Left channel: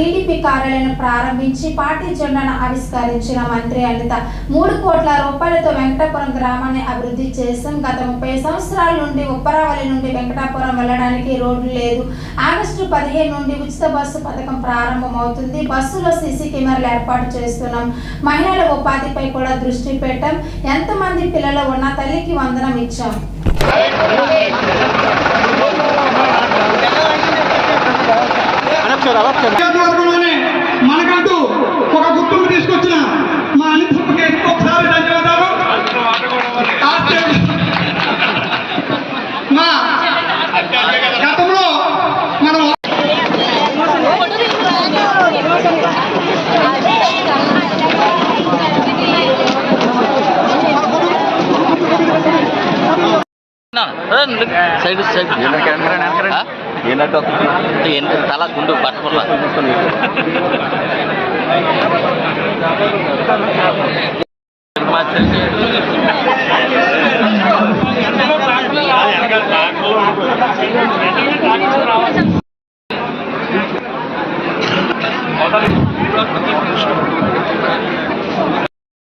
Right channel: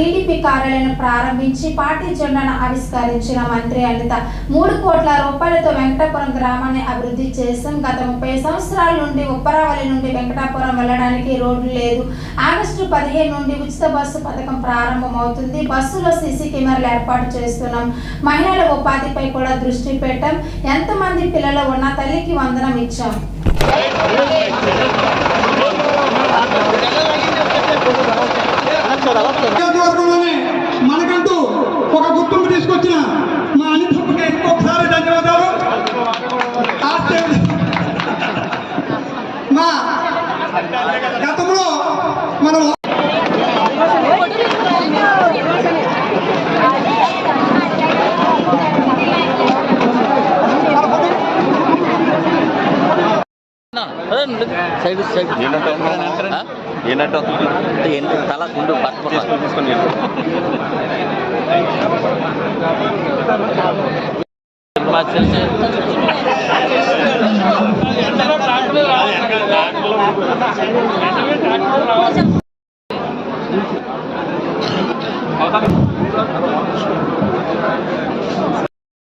TDP కార్యాలయం ప్రారంభించి party జెండాను ఆవిష్కరించిన మంత్రి అనిత మూడు కోట్ల రూపాయలతో వెంకటాపురం గ్రామాన్ని అభివృద్ధి చేశాం. గత ముప్పై సంవత్సరాల నుండి ఉప్పరావళి నుండి వెంకటాపురం వెళ్ళడానికి రోడ్లు లేదు. ఆగస్టు పదిహేను నుండి ఉచిత బస్సు పథకం ప్రారంభమవుతుంది. బస్సులో సీసీ కెమెరాలు ఏర్పాటు చేస్తున్నాం. మహిళల ఉపాధిపై కూడా దృష్టి పెట్టాం. ఎంతమంది పిల్లలు ఉన్న తల్లికి వందనం ఇచ్చాం. Side side. తల గుండు పట్టుకున్నా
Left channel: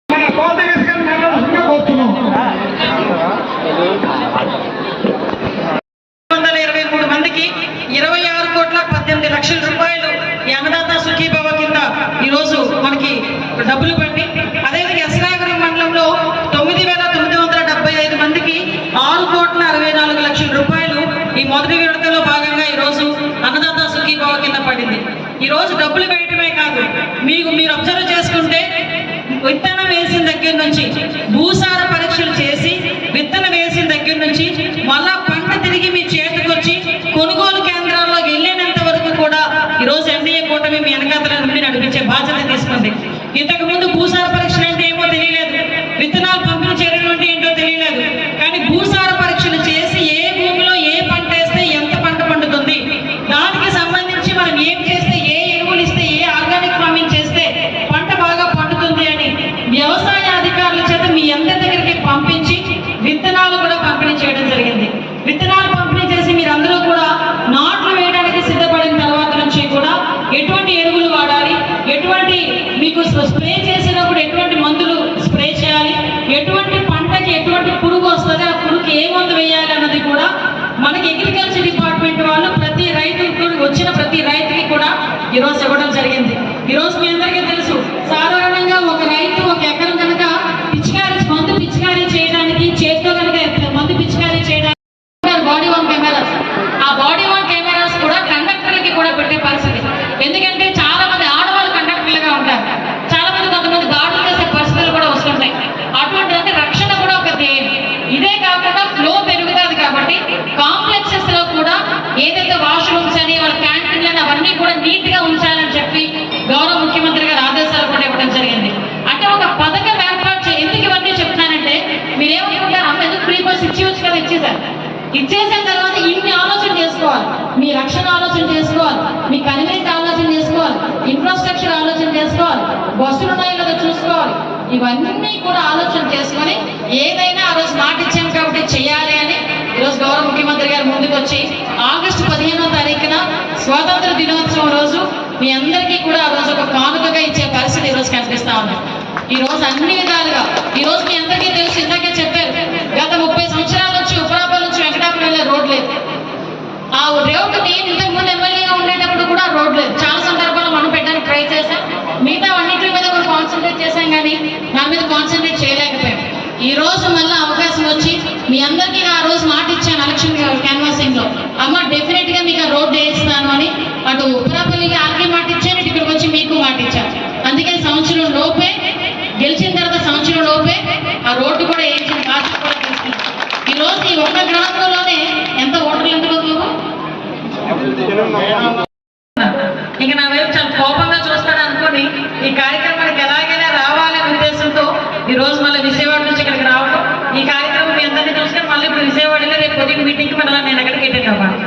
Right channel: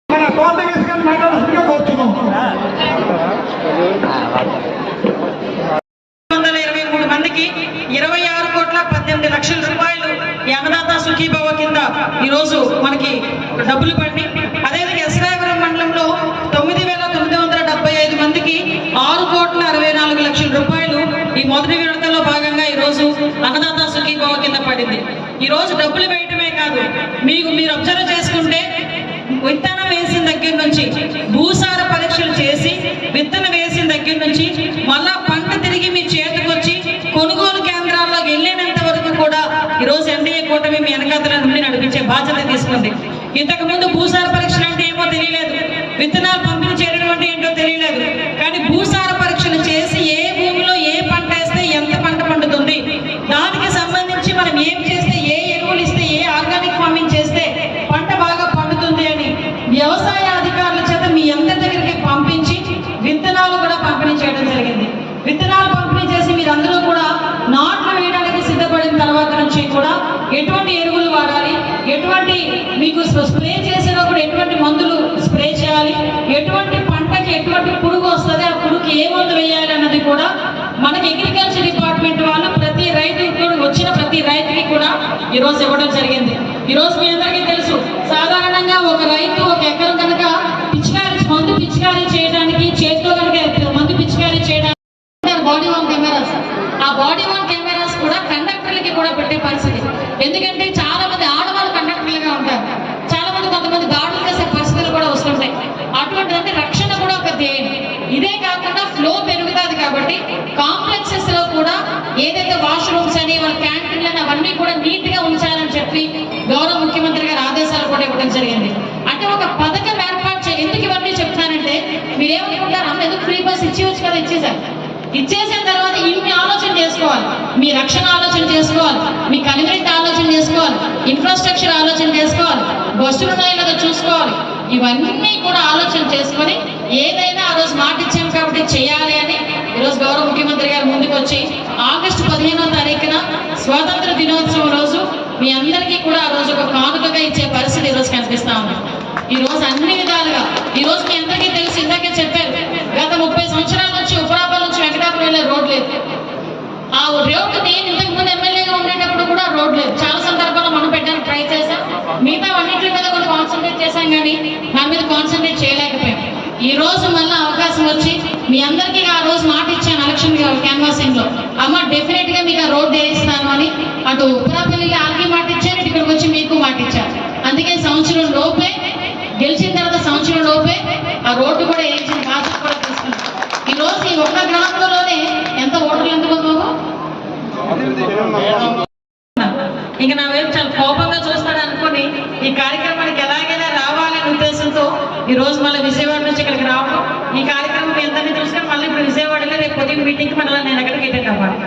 మన కోట వేసుకొని మాట్లాడుతుంటే కోరుతున్నాం వందల ఇరవై మూడు మందికి ఇరవై ఆరు కోట్ల పద్దెనిమిది లక్షల రూపాయలు ఈ అన్నదాత సుఖీభవ కింద ఈ రోజు మనకి డబ్బులు పడి అదేవిధంగా ఎస్రాయపురం మండలంలో తొమ్మిది వేల తొమ్మిది వందల డెబ్బై ఐదు మందికి ఆరు కోట్ల అరవై నాలుగు లక్షల రూపాయలు ఈ మొదటి విడతలో భాగంగా ఈ రోజు అన్నదాత సుఖీభవ కింద పడింది. ఈ రోజు డబ్బులు పెట్టి మనకి అగ్రికల్చర్ డిపార్ట్మెంట్ వాళ్ళు ప్రతి రైతుకి కూడా వచ్చిన ప్రతి రైతుకి కూడా ఈరోజు ఇవ్వడం జరిగింది. ఈరోజు రోజు ఇచ్చేసిన తర్వాత ఇన్ని ఆలోచన చేసుకోవాలి. మీ రక్షణ ఆలోచన చేసుకోవాలి. మీ కన్వీనెంట్ ఆలోచన చేసుకోవాలి. ఇన్ఫ్రాస్ట్రక్చర్ ఆలోచన చేసుకోవాలి. బస్సులు ఉన్నాయో లేదో చూసుకోవాలి. ఇవన్నీ కూడా ఆలోచన చేసుకొని ఏదైనా ఆ రోజు మాట ఇచ్చాం కాబట్టి చేయాలి అని ఈరోజు గౌరవ ముఖ్యమంత్రి గారు ముందుకు వచ్చి ఆగస్టు పదిహేనో తారీఖున స్వాతంత్ర దినోత్సవం రోజు మీ అందరికీ కూడా ఆ రోజు ఒక కానుకగా ఇచ్చే పరిస్థితి ఈ రోజు కనిపిస్తా ఉంది. ఈ రోజు అన్ని విధాలుగా ఈ రోజు మీ అందరికీ తెలిసి ఇందాకే చెప్పారు గత ముప్పై సంవత్సరాలు రోడ్ లేదు ఆ రోడ్డు నేను ఇంతకు ముందు ఎమ్మెల్యేగా ఉండేటప్పుడు కూడా రోడ్ లేదు చాలా సందర్భాలు మనం పెట్టడానికి ట్రై చేశాం. మిగతా అన్నింటి మీద కొంచెం కాన్సన్ట్రేట్ చేశాం కానీ మా మీద కాన్సన్ట్రేట్ చేయలేకపోయాం. ఈ రోజు మళ్ళీ అవకాశం వచ్చి మీ అందరికీ ఆ రోజు మాట ఇచ్చాను ఎలక్షన్ క్యాన్వాసింగ్లో. అమ్మ డెఫినెట్గా మీకు ఆ రోడ్ వేయిస్తాను అని అటు ఉత్తరాపల్లికి ఆర్కి మాట ఇచ్చాను ఇక్కడికి వచ్చి మీకు మాట ఇచ్చాను. అందుకే సంవత్సరం లోపే గెలిచిన తర్వాత సంవత్సరం లోపే ఆ రోడ్డు కూడా వేయించిన బాధ్యత కూడా తీసుకున్నాం ఈ రోజు ఈ ఒక్క గ్రామంలోనే ఎంత ఓటర్లు ఎందుకు బాబు ఇక నా వైపు చాలా కోపంగా చూస్తాడు అనుకుని ఈ కార్యక్రమానికి ఎలాగైనా రావాలనే ఉద్దేశంతో ఈ రోజు మళ్ళీ విజయవాడ నుంచి ఇక్కడికి రావడం ఈ కార్యక్రమం మీ అందరినీ చూస్తే మళ్ళీ ఇప్పుడు విజయవాడలో రేపు పొద్దున్న మీటింగ్ మళ్ళీ నేను ఎక్కడికి అటెండ్ అవ్వాలి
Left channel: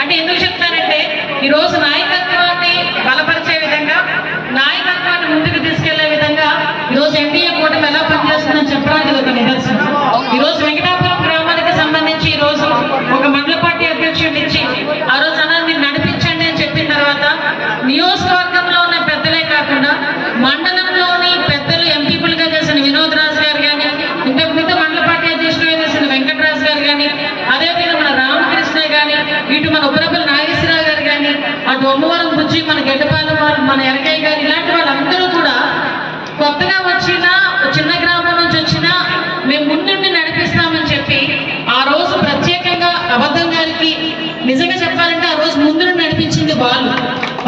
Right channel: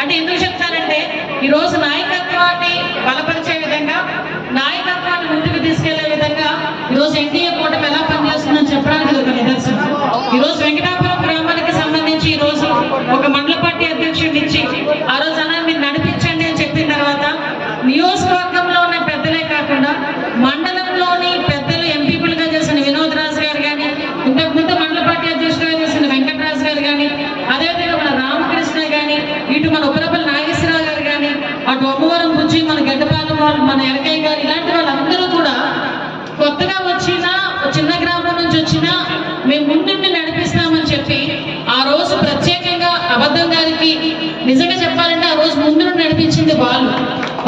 అంటే ఎందుకు చెప్తానంటే ఈ రోజు నాయకత్వాన్ని బలపరిచే విధంగా నా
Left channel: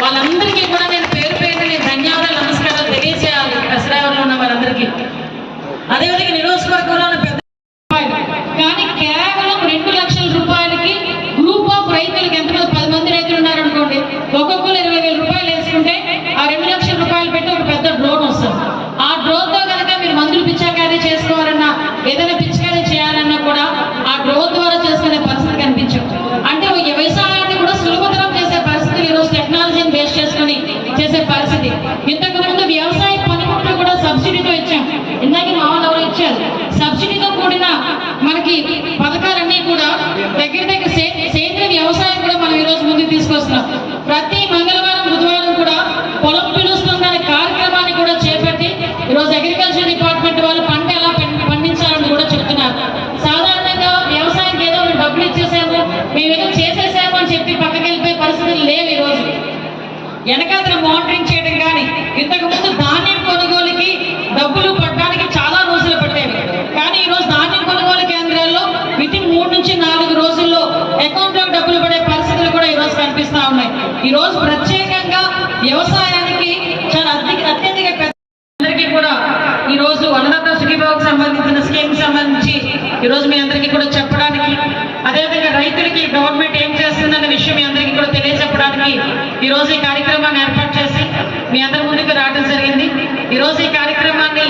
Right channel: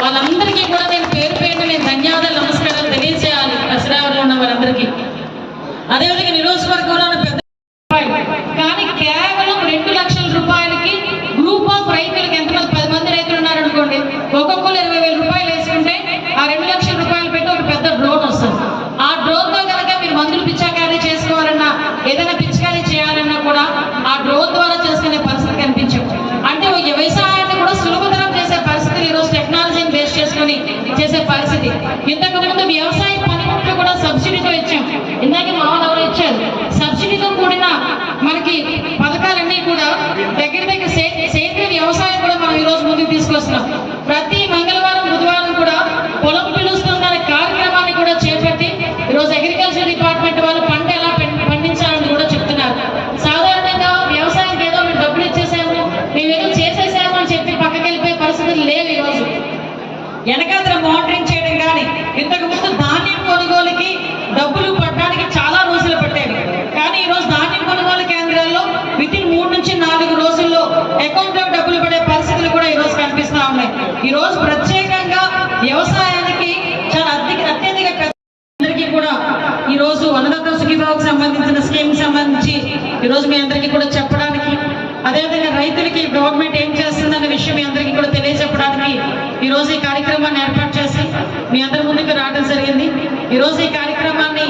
వాళ్ళందరికీ కూడా ఇంతకు ముందు వ్యవసాయ పనిముట్లు కూడా సబ్సిడీతో ఇచ్చాం. ఇందాక మామూలు ఎవరు ఇచ్చారు. సబ్సిడీతో కూడిన మనకి పథకాలన్నీ కూడా దగ్గర దగ్గర సేంద్రీయ వ్యవసాయం కూడా మనం ఈ రోజు ముందుకు తీసుకొస్తున్నాం. ప్రతి మంగళవారం బుధవారం కూడా పొలం పిలుస్తుందనే కార్యక్రమాన్ని కూడా చేపట్టి ఈరోజు అగ్రికల్చర్ డిపార్ట్మెంట్ వాళ్ళు పంట ఎలా పండించాలని కూడా చెప్తున్నారు. సాధారణంగా వ్యవసాయానికి ఏదో మేము డబ్బులు ఇచ్చేసాము మేము ఏదో చేసేసాము అని చెప్పి పక్కకెళ్ళిపోయే పరిస్థితులు లేవు ఈ రోజు. వెనకాల మోటరింగ్ ఇంతకు ముందు ధాన్యం కొనుగోలుకి డబ్బులు పడడానికి చాలా రోజులు పట్టేవి. కానీ ఈ రోజు ధాన్యం కొనుగోలు కేంద్రాల్లో విత్ ఇన్ మూడు నుంచి నాలుగు రోజుల్లో అకౌంట్లో డబ్బులు పడే పరిస్థితులు కూడా ఈ రోజు ఉన్నాయి. ఈ రోజు ప్రత్యేకంగా వ్యవసాయానికి చాలా అత్యధిక అత్యధిక అందరికీ కూడా ఈ రోజు అన్నదాత సుఖీభావకు సంబంధించిన స్కీమ్ సంబంధించి ఈ రోజు మీ అందరికీ కూడా చెప్పడానికి అదేవిధంగా రైతులకి గవర్నమెంట్ ఏం చేస్తుందన్న విషయం మీ అందరికీ కూడా తెలియజెప్పడానికి ఈ రోజు ఈ కార్యక్రమాన్ని ఏర్పాటు చేసి మీ అందరి ముందుకు రావడం జరిగింది. ఈ ఈ కార్యక్రమాన్ని